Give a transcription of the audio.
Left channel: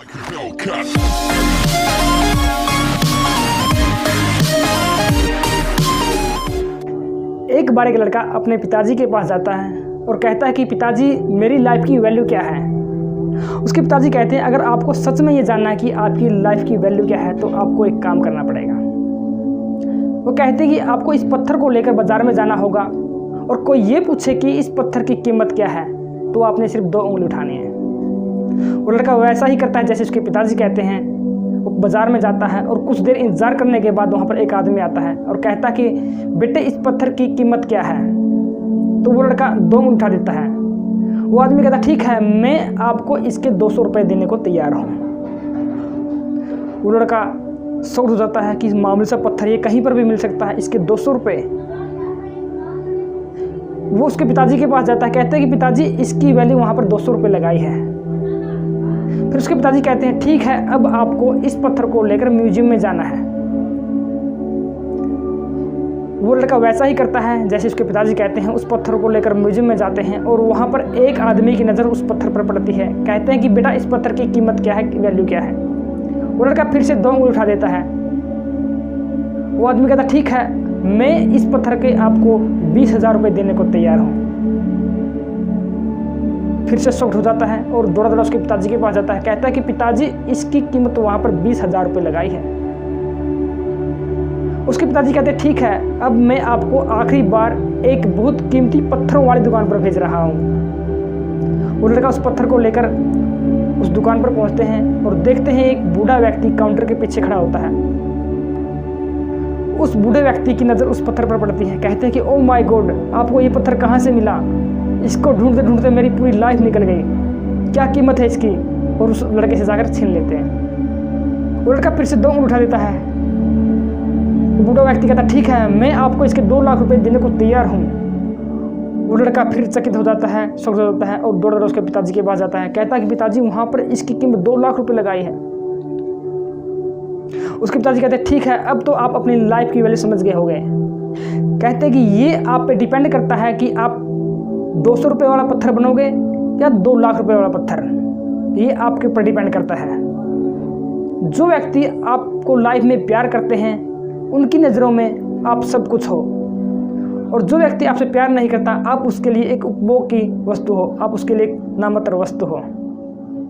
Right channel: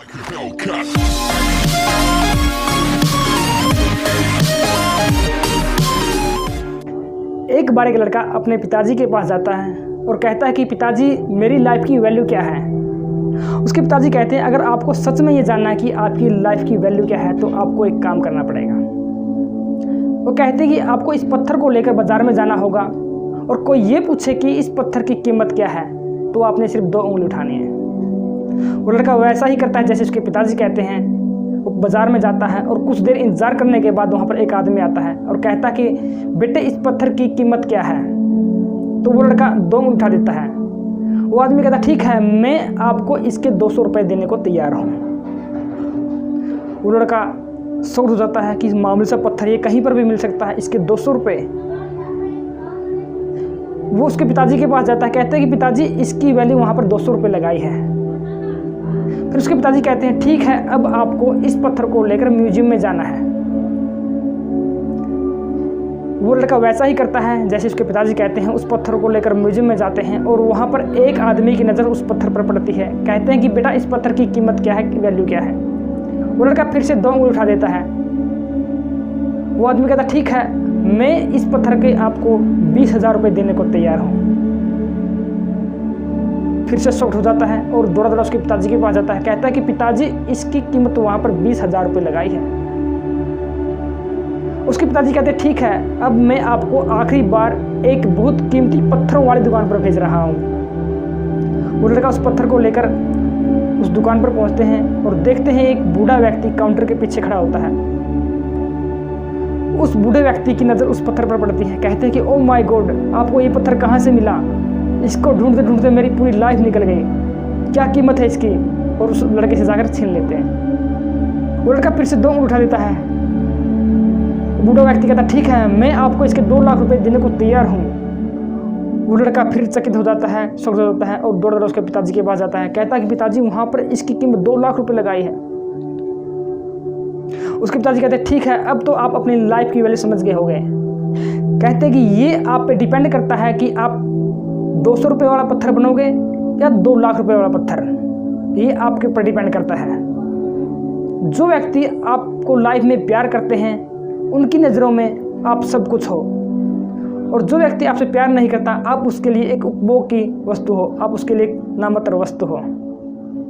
एक बार एक लड़का अपने पिताजी के पास जाता है और कहता है कि पिताजी मेरी लाइफ की वैल्यू क्या है। उसके पिताजी कहते हैं अगर आपको सच में ये जानना है कि आपकी लाइफ की वैल्यू क्या है तो आपको एक काम करना पड़ेगा। वो कहते हैं कि आपको इस पत्थर को लेकर बाजार में जाना होगा और कोई ये पूछे कि इस पत्थर की कीमत क्या है तो आपने सिर्फ 2 उंगली उठानी है। वो लड़का वैसा ही करता है जैसे उसके पिताजी कहते हैं। वो बाज़ार में जाता है और कुछ देर इंतज़ार करने के बाद वहाँ पर एक आदमी आता है और कहता है कि बेटे इस पत्थर की कीमत क्या है। तो वो लड़का 2 उंगली उठा देता है। वो आदमी कहता ठीक है मैं आपको इसके 200 रुपये देने को तैयार हूँ। वो लड़का शॉक्ड हो जाता है कि इस मामूली सा पत्थर ये कहीं पर भी मिल सकता है, इसके 200 रुपये। वो उसके पिताजी के पास जाता है, कहते हैं कि पिताजी इसकी वैल्यू वहाँ पर 200 रुपये लगाई है। फिर उसके पिताजी कहते हैं ठीक है अब आपको इस पत्थर को लेकर म्यूजियम में जाना है। वो लड़का वैसा ही करता है जैसे उसके पिताजी कहते हैं। उस पत्थर को लेकर म्यूजियम में जाते हैं और वहाँ पर एक आदमी की नज़र उस पत्थर पर पड़ती है। कहते हैं कि बेटा इस पत्थर की कीमत क्या है, वैल्यू क्या है। वो लड़का फिर से 2 उंगली उठा देता है। वो आदमी कहता ठीक है मैं इस पत्थर के आपको 20,000 रुपये देने को तैयार हूँ। फिर से शॉक्ड हो जाता है और दौड़ा दौड़ा उसके पिताजी के पास जाता है। कहता है कि पिताजी इसकी कीमत वहाँ पर 20,000 रुपये लगाई है। उसके पिताजी कहते हैं ठीक है अब मैं आपको आखिरी बार एक बहुत कीमती पत्थरों वाली दुकान पर भेज रहा हूँ। वो लड़का उस पत्थर को लेकर उस दुकान पर पहुँचते हैं और देखते हैं एक बूढ़ा व्यक्ति काउंटर के पीछे खड़ा होता है। उस बूढ़े व्यक्ति की नज़र उस पत्थर पर पड़ती है। कहते हैं कि ओह माय गॉड आपको ये पत्थर कहाँ से मिला, इसको ढूंढते ढूंढते मेरी पूरी लाइफ निकल गई, क्या कीमत है इसकी। और उस लड़के से जाकर छीन लेते हैं। वो लड़का फिर से 2 उंगली उठा देता है। बूढ़ा व्यक्ति कहता ठीक है मैं आपको इसके 2 लाख रुपए देने को तैयार हूँ। वो लड़का फिर चकित हो जाता है, शॉक्ड हो जाता है और दौड़ दौड़ उसके पिताजी के पास जाता है। कहता है कि पिताजी वहाँ पर इसकी कीमत 2 लाख रुपए लगाई है। उसके पिताजी कहते हैं ठीक है अब तो आप अपनी लाइफ की वैल्यू समझ गए होंगे। कहते हैं कि ये आप पे डिपेंड करता है कि आप 200 रुपये वाला पत्थर बनोगे या 2 लाख रुपए वाला पत्थर, ये आपके ऊपर डिपेंड करता है। जो व्यक्ति आपको लाइफ में प्यार करते हैं उनकी नज़रों में आप सब कुछ हो, और जो व्यक्ति आपसे प्यार नहीं करता आप उसके लिए एक उपभोग की वस्तु हो, आप उसके लिए एक नामात्र वस्तु हो।